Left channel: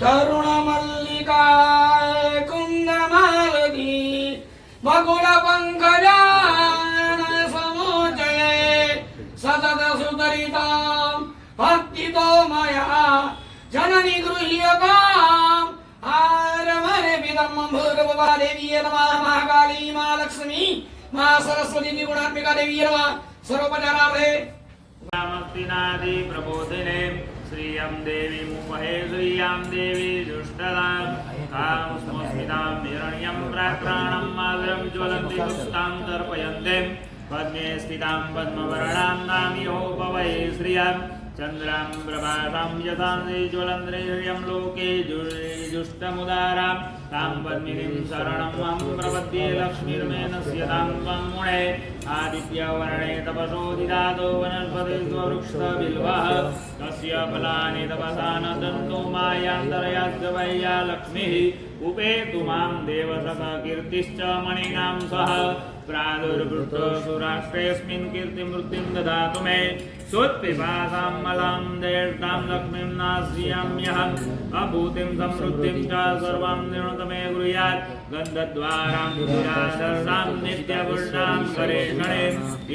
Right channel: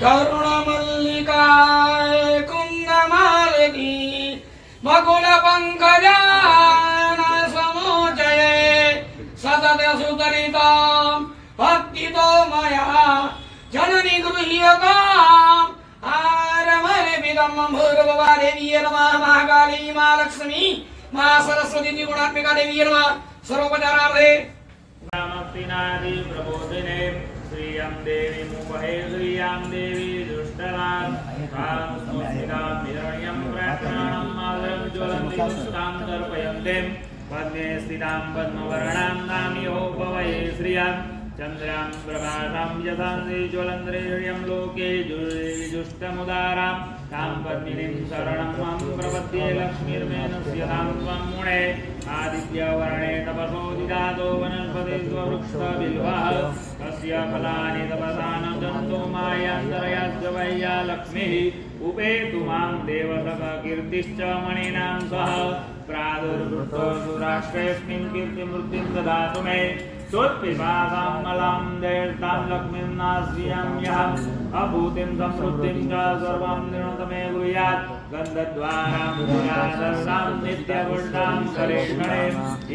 करुणमल्लिकाय कुन्दमालिनी बकुलपङ्कजान समोचये सततसुतरितां भक्तितो मया जननि गृह्यताम् आरमरमिदं भूर्भुवा देवी नमः महाकाली मा लक्ष्मी मा सरस्वती गुणात्मिका देवी नमः सर्वोपचारार्थे मुक्तिनादि प्रबोधिने श्रियं देवीं वहे श्रियं देवी दुष्टदां कामस्मस्मितां हिरण्यं प्रार्थनां मालं ज्वलन्ति दुष्टां तर्पयन्ते पद्मे स्थितां पद्मवर्णां दाम्यो भवये श्रियं चन्द्रां प्रभासां यथां ज्वलन्त्रिर्यं लोके जुष्टमुदारां तां पद्मिनीं शरणं मां प्रपद्ये लक्ष्मीर्मेनस्यतां त्वं मुने आदित्यवर्णे तपसोदिदातो वनस्पति स्ववृक्षबिल्वः तस्य फलानि तपसा न दन्तो मायान्तरयास्य वैया लक्ष्मीः उपेतु मां देवसः कीर्तिश्च मणीनां सह प्रादुर्भृतो सुराष्ट्रेऽस्मिन् कीर्तिमूर्तिं ददातु मे सोत्पिपासां मलां देष्टां लक्ष्मीं नास्याम्यहम् अभूतिं समृद्धिं च सर्वां निर्णतमे गृह्यात् गन्धद्वारां विराजसां नित्यपुष्टां करेष्मणे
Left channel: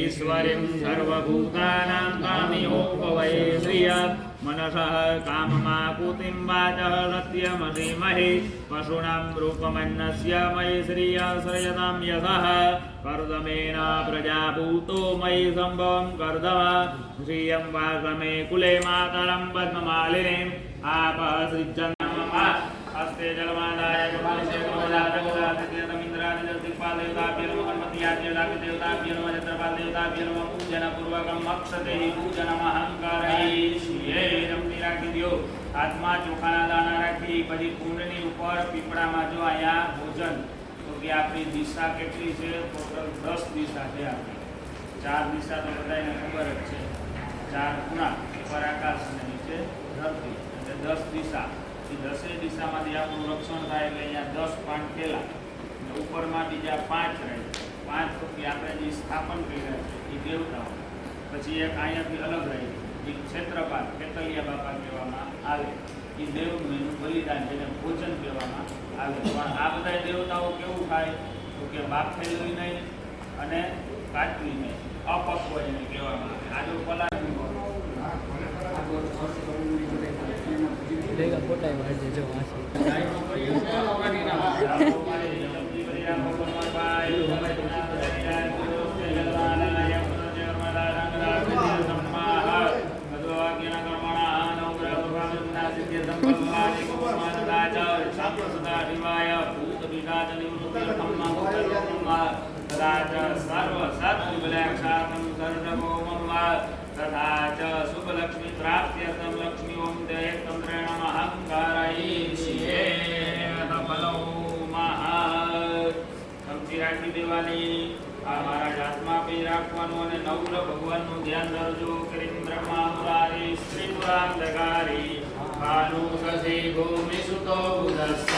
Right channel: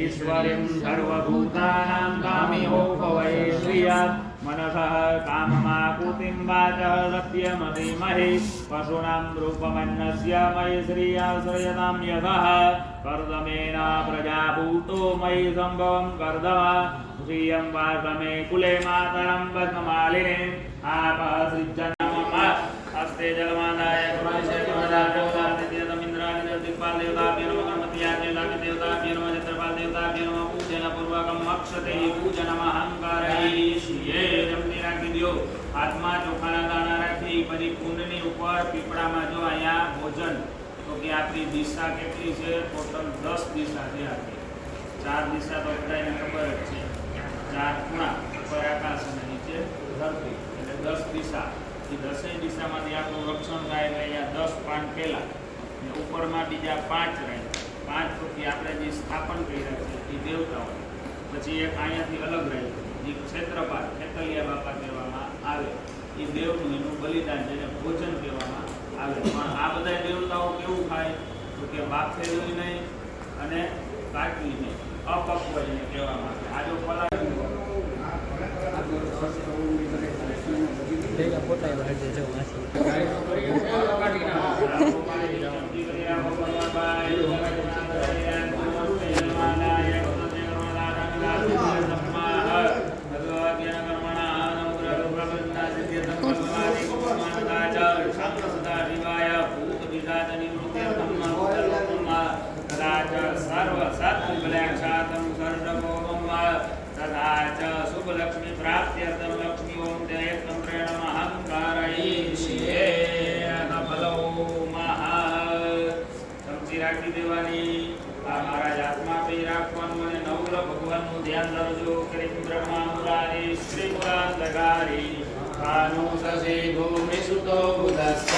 ईश्वरीं सर्वभूतानां कामिहो भवये श्रियात् मनसः काममाकुतिं वाचः सत्यमधीमहि पशूनां रूपमन्नस्य मयि श्रियाश्रयतां यशः कर्दमेन प्रजाभूतो मयि सम्भवं कर्दम श्रियं वासमे कुले मातरं पद्ममालिनीम् आपः सृजन्नमः हस्ते जलमानाय प्रभासे प्रभजाजगदादित्यतमिन्द्राणि दिक्पाल देवताभ्यो नमः गणपत्याद्यदाभ्य देवताभ्यो नमः जत्रपाल देवताभ्यो नमः पूजनपूर्वकम् अक्षते पूजनमहंकारयिष्ये જમતી રાખી દો હાથમાં ચોખાના દાણા રાખી પછી કુંડની ઉપર પીપળામાં જો અહીંયા ભોજન તો કે આપણી દિશા કેટલી છે ટોટલ 10 દિશા છે આપણી 4 દિશા તો બધાને ખબર જ છે 4 ખૂણા ઉપર આકાશ અને નીચે ધરતી એટલે 10 દિશા એ 10 દિશામાંથી આપણું રક્ષણ થાય એટલે અહીંયા 10 પાંચ પહેલા ઉપરમાં બીજા 5 રહે 5 તો કે આપણે જે સ્થાપન કર્યા છે એ દેવતાઓ પછી એક અહીંયાથી અલગ રહે જે ક્ષેત્રપાલ ખેતલિયા બાપા કહેવામાં આવે એ દેવનું એનું બલિદાન જેને ભોજન કહેવામાં આવે પણ આ બધા દેવતાઓ કેવું ખાય તો કે બાફેલું નહીં અને કાચું નહીં અપક્વ એને કહેવામાં આવે આ જો પલા ફોટા शुभलक्ष्मी प्राप्त्यर्थम लक्ष्मी ओम एकतंत्रेण अहंकारयिष्ये फलो महा समझी राखी देवानी आ महाराज आत्मा पे राखवानुं अने नवग्रह भगवाननुं ध्यान धरजो करीम ब्रह्मा मुरारी श्री पुरांतकारी भानु शशि भूमि सुतो बुधस्स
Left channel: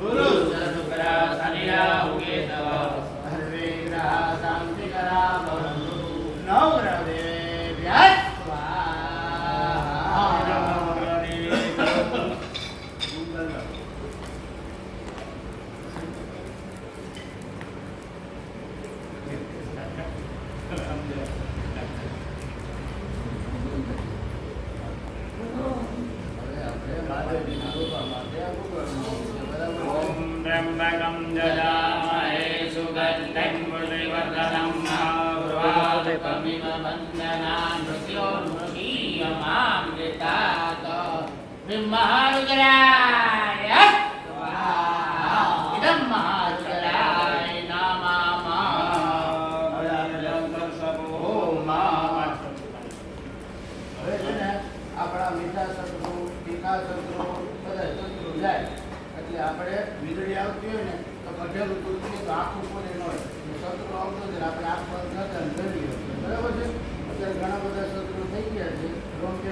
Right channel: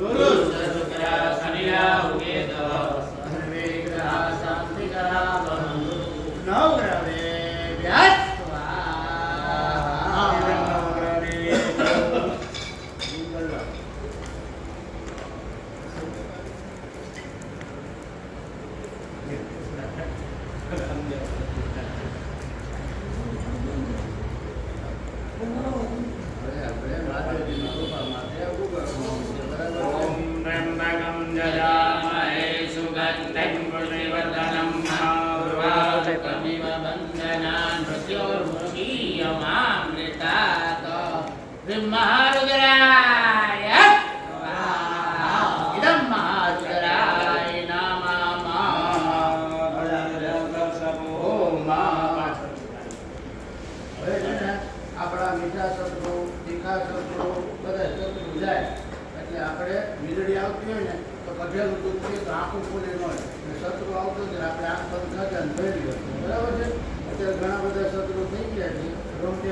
गुरु शुक्र शनि राहु केतव सर्वे ग्रह शांतिकरा भवन्तु नवग्रह देव्यात् આપણે વીજળી આવતી હોય ને તો કઢેલું દૂધ પીએ તો આંખું ખોલી ન હોય શત્રુ આવતો હોય આપણે આંખ બંધ ન જાય જોઈ લ્યો બરાબર છે અત્યારે ઘણા બધા શત્રુ થઈ ગયા છે રમતે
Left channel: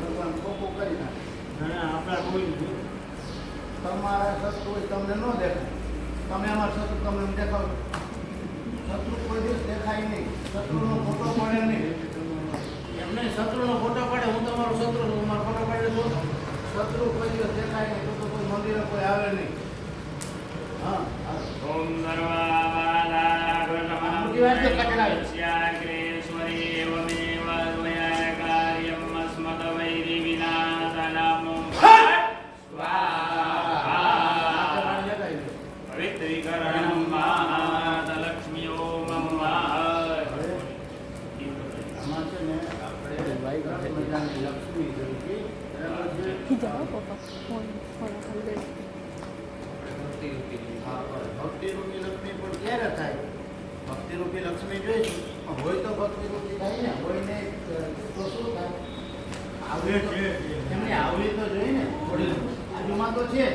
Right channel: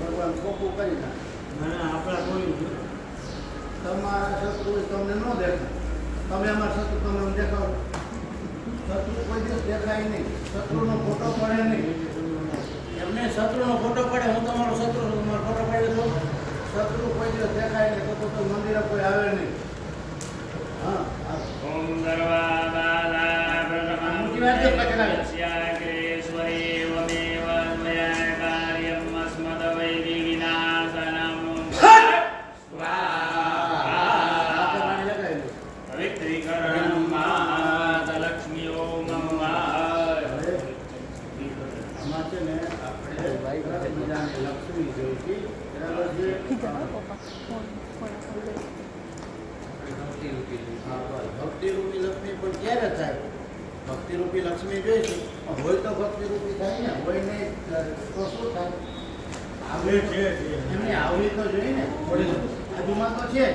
ભગવાન ખોખું કરી નાખે આપણા કોઈ તમારા શત્રુ તમને ન દેખાય તમે અમારા શત્રુ તમને દેખાડો શત્રુ કોઈ દિવસ દેખાય નહીં શત્રુનો ફોટો પડે નહીં એમને શત્રુનો ફોટો પડે હું તમારો શત્રુ છું મારો ફોટો પડે તો તો કોઈ મંદિરે કોઈ આવે નહીં. હા આવે. ઓમ સર્વાબાધા પ્રશમનશ્યાગ્રેશ્વરી વમેવ દ્વયા કાર્યમ અસ્મદવૈરી વિનાશનમ સ્વાહા પવિત્રીકરણમ મહાલક્ષ્મીઓ મમ આમાં છે ને આપણે સરસ મજાની લક્ષ્મી જોઈ છે. બરાબર છે? ભક્તિરૂપી લક્ષ્મી પણ ક્યારે થાય? ભક્તિરૂપી લક્ષ્મી જોઈશું હોય તો ભક્તિરૂપી થાય ને, હોય નહીં તો શું થાય? આવે છે એમને આવવી તો જોઈએ ને, આજુમાં તો છે.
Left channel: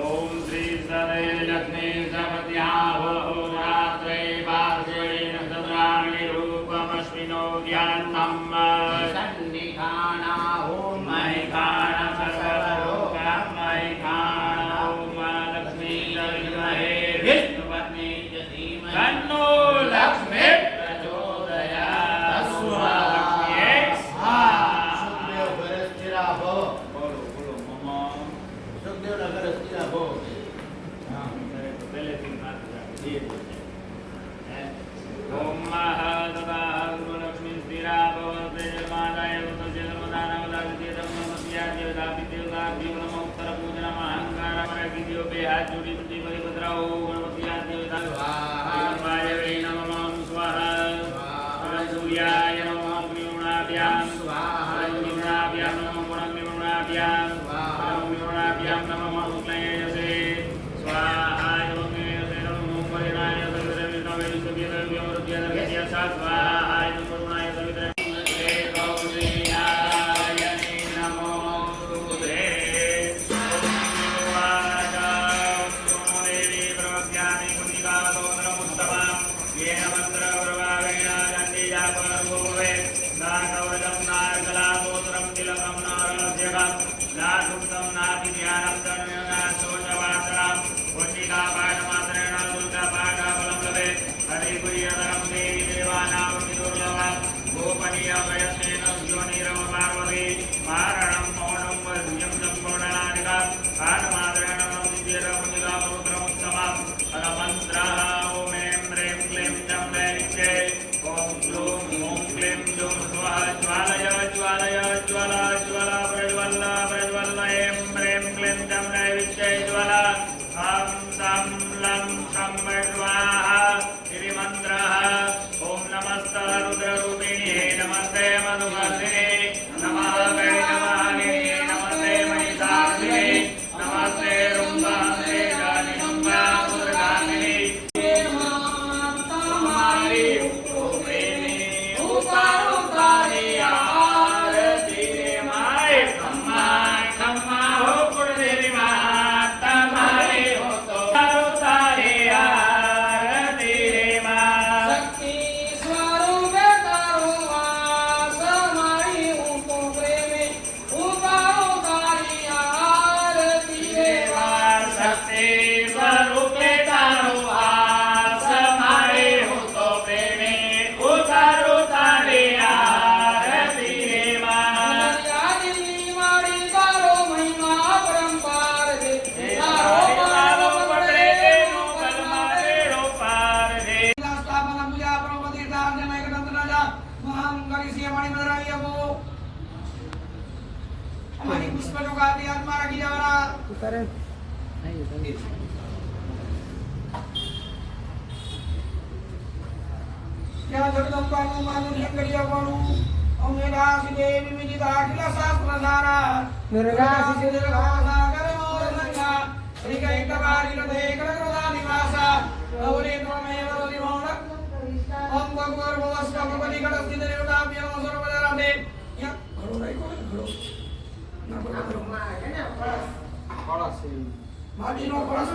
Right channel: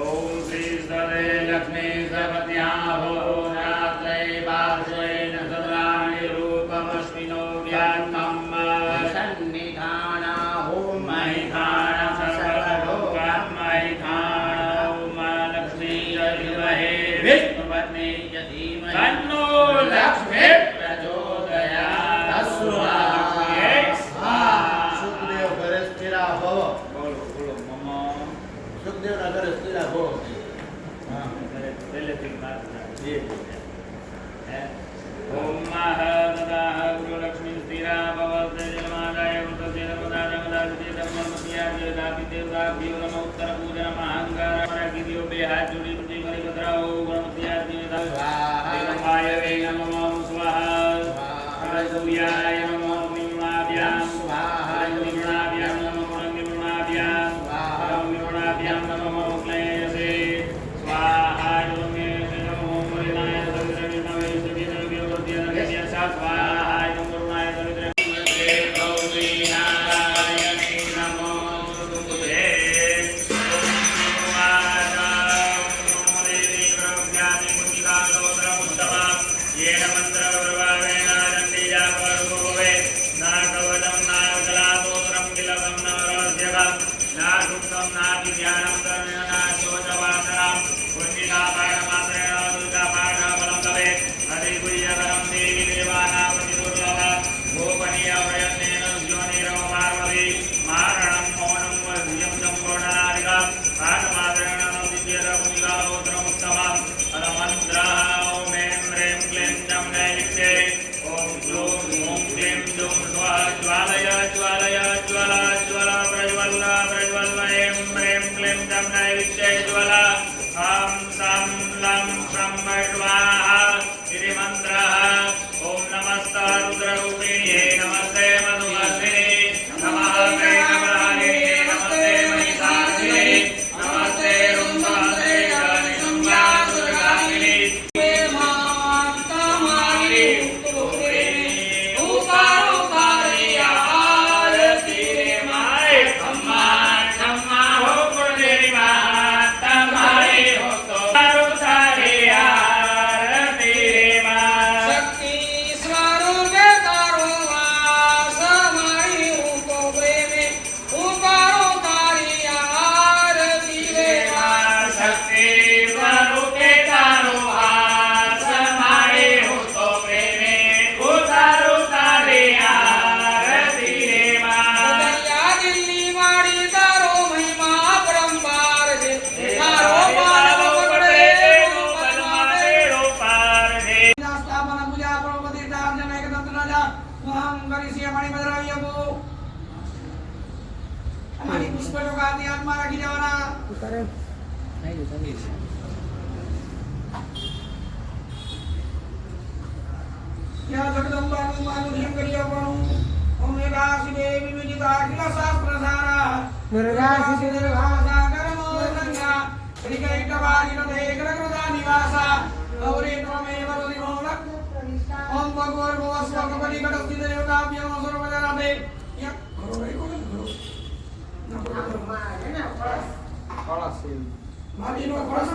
ઓમ શ્રી સવે લક્ષ્મી સપત્યાભો રાત્રે પાર્શ્વેન સદ્રામણી રૂપમશ્વિનો જ્ઞાનમ સન્નિધાના ઓમ મૈથાન સર્વલોકાન મૈથાન ઓમ લક્ષ્મી વિદ્મહે વિષ્ણુપત્ની ચ ધીમહિ તન્નો લક્ષ્મી પ્રચોદયાત. સુખદેવ ઘરે સ્થિરા ભવ. બોલો બોલો મમ સુખદેવના ઘરે સ્થિરા ભવ. પહેલેથી વાત રાખી. ઓમ મહા ગુરુલક્ષ્મી સ્થિરા ભવતે જન્માદાય વૃતસ્ય ધર્મદા નર્મદા વિદ્ય ધર્મમત્યા દેવતાપી દેવતા ભીમરમ ઉત્તર પૂજન મહાંકાર ગિરિયો બે હાથ જોડી પૂજી કરી પધરાઓ ગણપતિયા દેવતા સ્વાહા વે નમઃ સ્વાહા સૂર્યાય નમઃ અગ્નિગુણાભ્યામ સ્વાહા અગ્નિગુણાભ્યામ નમઃ અગ્નિગુણાભ્યામ સ્વાહા અગ્નિગુણાભ્યામ નમઃ ઉક્લયસે સ્વાહા યોમે નમઃ પરિણાય સવિત્ર વિષ્ણવે સવ્ય સવ્ય સ્વાહા નમઃ કરુણાય સવિત્ર ગૌરી નારાયણી નમો સ્તુતે. येन मन्त्रप्रभावेन चण्डीया परभुवे नाकवचं नार्कलातोत्रं तिलकं नारस्यकं नासुप्तं नातिज्ञानं कर्ण्यं नाशोचवासनं पुण्डिकापाठमात्रेण दुर्गापाठफलं लभेत् अधिकुर्यकरं देवी देवानां दुर्लभं गोपनीयप्रयत्नेन योनिरमपार्वती मारणं मौनं वज्रं सम्पूर्णादिकं पाठमात्रेण दिव्यतमुनिकास्तोत्रमुत्तमम् अलमन्त्रः ॐ ऐं ह्रीं क्लीं चं नैविद्ये ॐ क्लूं ॐ क्लीं दुं स्वाहा ज्वालय ज्वालय ज्वला ज्वला प्रज्वल प्रज्वल ऐं ह्रीं क्लीं चं नैविद्ये ज्वला ं सं लं शं स्वाहा गिरिमन्त्रः ॐ नमस्ते रुद्ररूपिणे नमस्ते मधुमस्विने नमः वै नमः नमस्ते महिषासुरे नमस्ते रुम्बासे गानिम्बा दुर्गामिने हमारी पुष्प जो गाती आत्मा रखी जावरा ઉતારે નહીં સંગીત क्या जगदम्बानु मानु धियं करियवनु ओम वेदासि देवी विजिता अखिल शास्त्र सारा निर्गासि निर्भासा करमो गंगा श्रीकैटवारि रथे कृतकृता निवासा गौरी त्वमेव रतिमोद ओम भगवन् भवस्व भगवति घटस्थित देवताभ्यो नमः सर्वदा रथे या घरो रे कोई घरो ભાભીનો ખોળસ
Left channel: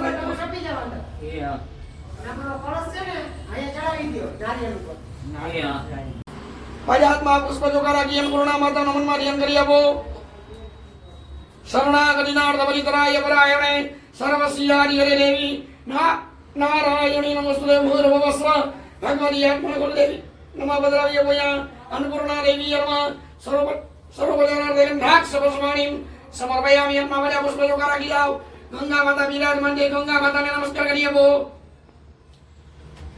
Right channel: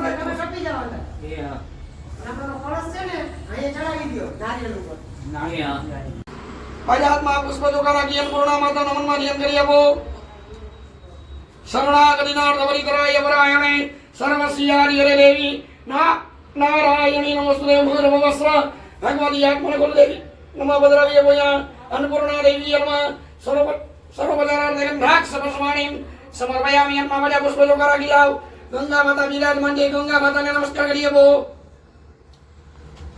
એ હા નહીં હા પજાત્મા પુષ્પ જોકારા કિયમ પૂર્ણા માતા નમનમાં ધિયમ કરી આપો શરણાગતિનાથ અવરિતરાય પરાયણે સર્વસ્યાદિ હરે દેવી નારાયણી નમસ્તે ભૂર્ભુવસ્વ ભગવતી આત્મને કુલદેવી નમઃ ભદ્રાવ્ય ભૂયા અન્નપૂર્ણા દેવી નમઃ સર્વપજારાર્થે દ્રાક્ષ પસ્માણીમ समर्पयामि यन्मामया पुष्पयोगारा कियाओ गंगा माता विराजमान जय गंगा माता ने नमस्कार करिए वो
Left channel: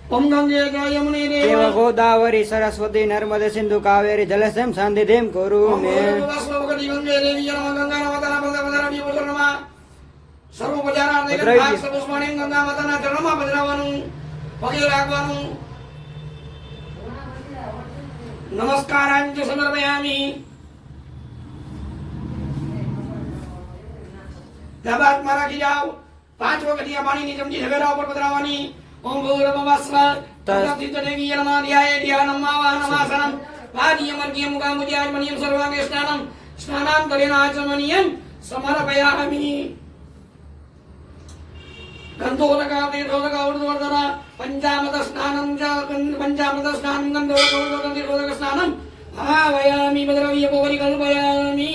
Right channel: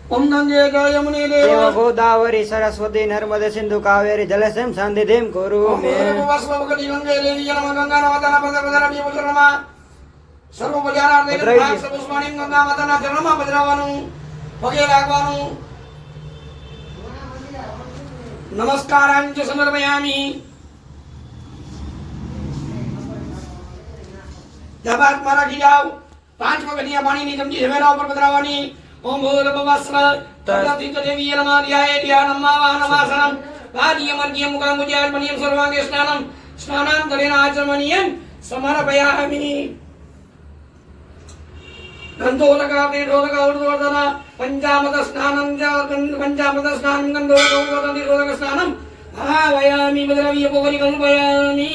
ओम गंगे च यमुने देव गोदावरी सरस्वती नर्मदे सिंधु कावेरी जलसं सन्निधिं कुरु मे वस्मवगति गंगे देवी नमः गंगा नमः पदपदरमि पुत्रनमा सर्वोपचारा देवी भाग सपुष्पाणि गंगा माता ना चरणमा बजरावानु पगे लागवानु नमस्कारांच समर्पयामि दबात मारा की जाओ 5 वगतिया पानी ની ચમચી હવેરા ઉપર પધરાવવાની ओम भूर्भुवस्व तस्थित देवी नमः ध्याये ध्यानं नमासनं पादीयमर्घ्यं मुखाम्बुजार्पणीयं सर्वाङ्गे स्नानं स्नानान्तरेण आचमनीयं समर्पयामि गन्धोदकातीर्थोदकौर्ध्वर्धन पञ्चामृत स्नानं गन्धोदकौर्ध्वर्धन स्नानं भावयामि मद्रव्यपोपरि कल्पयामि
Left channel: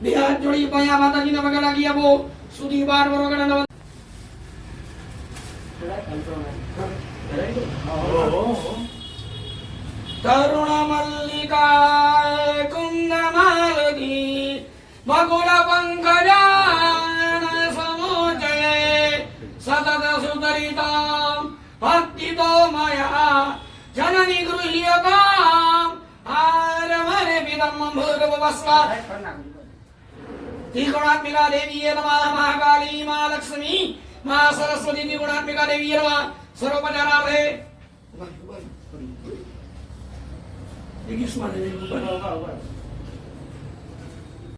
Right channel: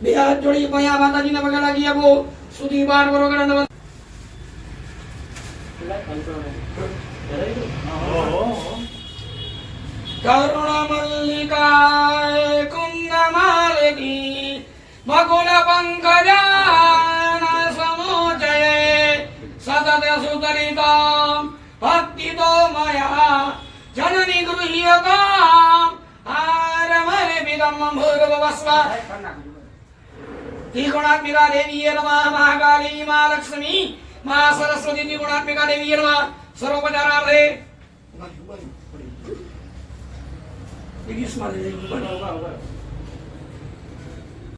બે હાથ જોડી પયા માતાજીને વગાડા ગયા બો સુધી બાર વરોગડા નવ કરુણા મલ્લિકાય કુંદમાલની બગુલ પંકજાન સમોજયે સતત સુતરિતામ ભક્તિતો મયા જનની ગૃહ્યતામ આરમરે વિદમ ભૂર્ભુવસ્વ त्रिगुणात्मिका देवी नमः महाकाली मां लक्ष्मी मां सरस्वती त्रिगुणात्मिका देवी नमः सर्वोपचारार्थे देखिए